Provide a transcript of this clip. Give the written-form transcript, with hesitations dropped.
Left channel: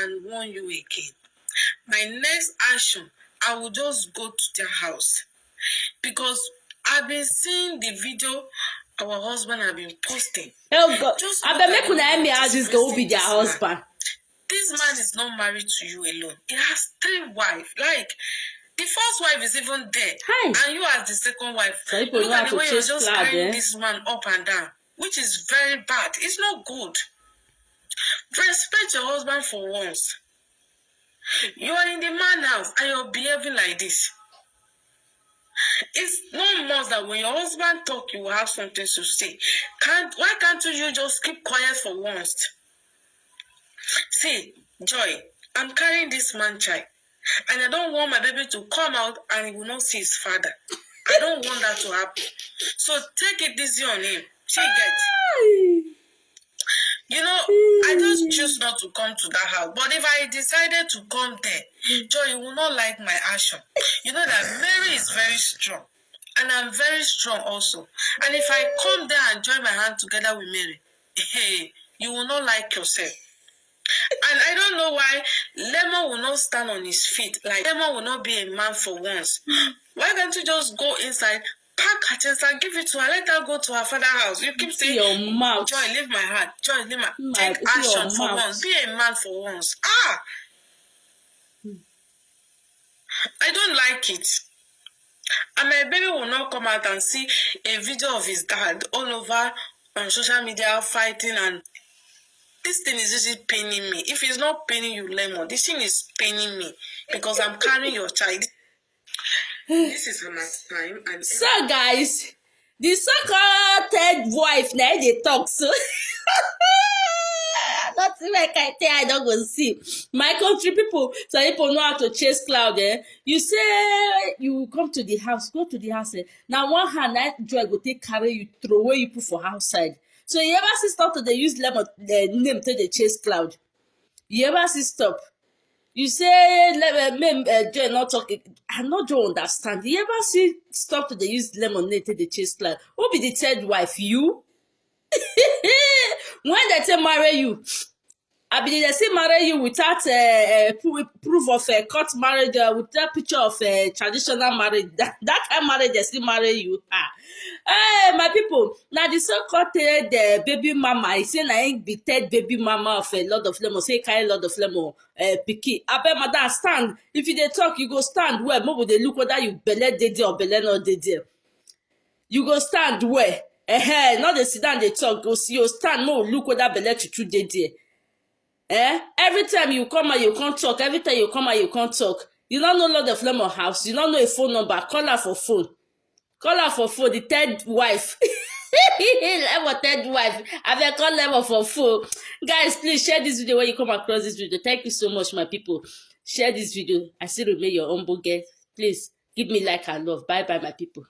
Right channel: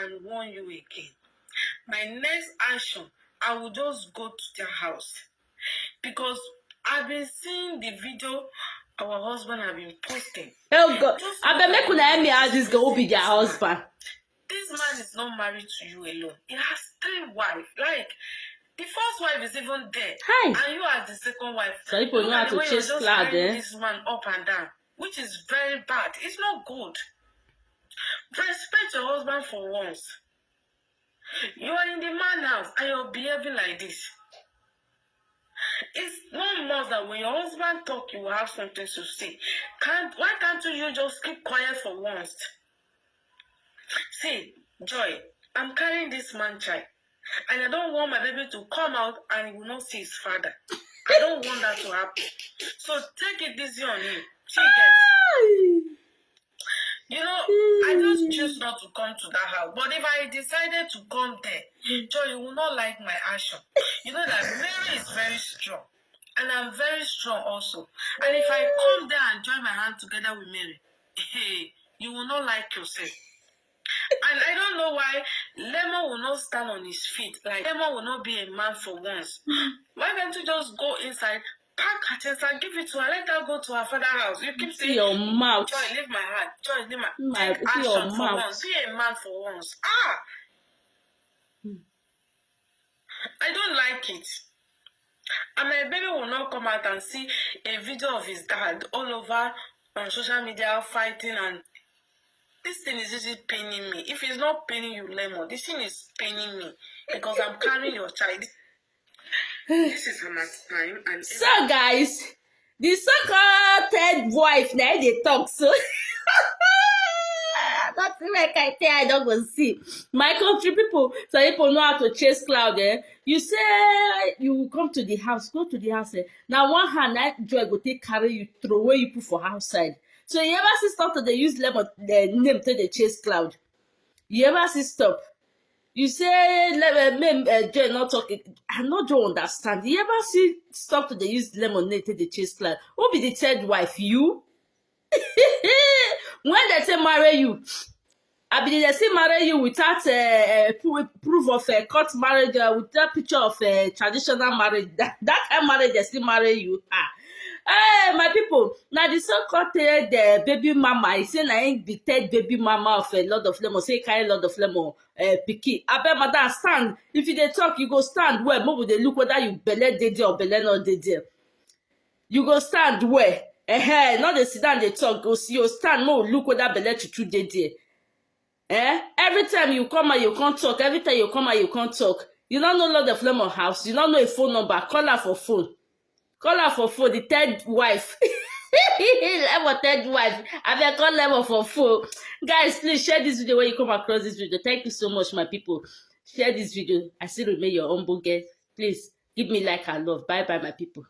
and warn you again. My next action, I will just go to their house. Because I've been seeing the video our husband have been posting. Oh God, Just I look bet at make the una way help me he's how this girl will be disgracing their this man. husband. This man is not married to you alone. He has 3 wives. Like, the first wife is even dead. Hi. And you as the second wife. So people Look know at how the to way you're chase just cloud, carrying eh? this man up and down. Which is very bad. It's not good. Respect your husband for once. You are in the man house and you're behaving like this. It's no more that when your husband talk, you will have something to say. Why can't you just keep quiet for once? See, Joy, I'm carrying this man child, and I don't want my baby to come out and he will not see his father. I don't want that to happen. So take it easy on him. She gets. You know, I just choose not to come to that house. But if I decided to come there, Joy, you will not like my action. You know that Mary is very strong. And I'm very strong also. And if I come there and join my hand together with Mary, hey, you will not like yourself. And I don't know why Lemon will not stand on his feet. Like, Lemon will not be a man for once. Why can't you just go inside, pack her chest and give it to her? Let her go to her father's house. You keep saying, your mouth. Joy, leave my heart. Joy, leave my... My, Take see your action for mouth. once. Be a man for once. I don't like it. And my baby will not come out and see a video of his dad all over on social media fighting, and this thing is just paining me. If it's not paining you, Lemon, this thing is paining me because I'm carrying your child. This is my time. And so guys, the so-called third wife now they talk so. Nothing like I tell I don't go see. My country people, so people know how to chase cloud, eh? You say you come to the house, go to the house, eh? Now one hand, that joy go take carry you, throw away you put for outside. So you ever see stop to they use lemon name to the chase cloud? You ever see stop? You say joy not talking. I not don't understand. You ever see stop to they use lemonade to the chase cloud? Who be the third wife? You? When they say marry you, I be they say marry you without proof of court marriage, without picture of traditional marriage. That kind of marriage they still marry you. Hey, my people, now the so-called the baby mama, he say na him be third baby mama of a lot of lemon, say carry lot of lemon pikin. Abeg madam stand. If you dey talk, you go stand well. Make we dey look whether you belle dey there or belle no dey there. You go stand well. Not dey sit down dey talk. Go see you stand, make we look whether belle true dey there. Every time you come out, you can't talk. Every time you come out, you can't talk. You don't know Lord of Lemon house. You don't know a phone number. Call her for phone. Call her for phone. The third wife. Lemon third wife. I been call Lemon for phone. Guys, please share this video when you come across this video. Thank you so much, my people. Share this video. I still remain your humble guest. Please give me like and love. Bye bye, my people.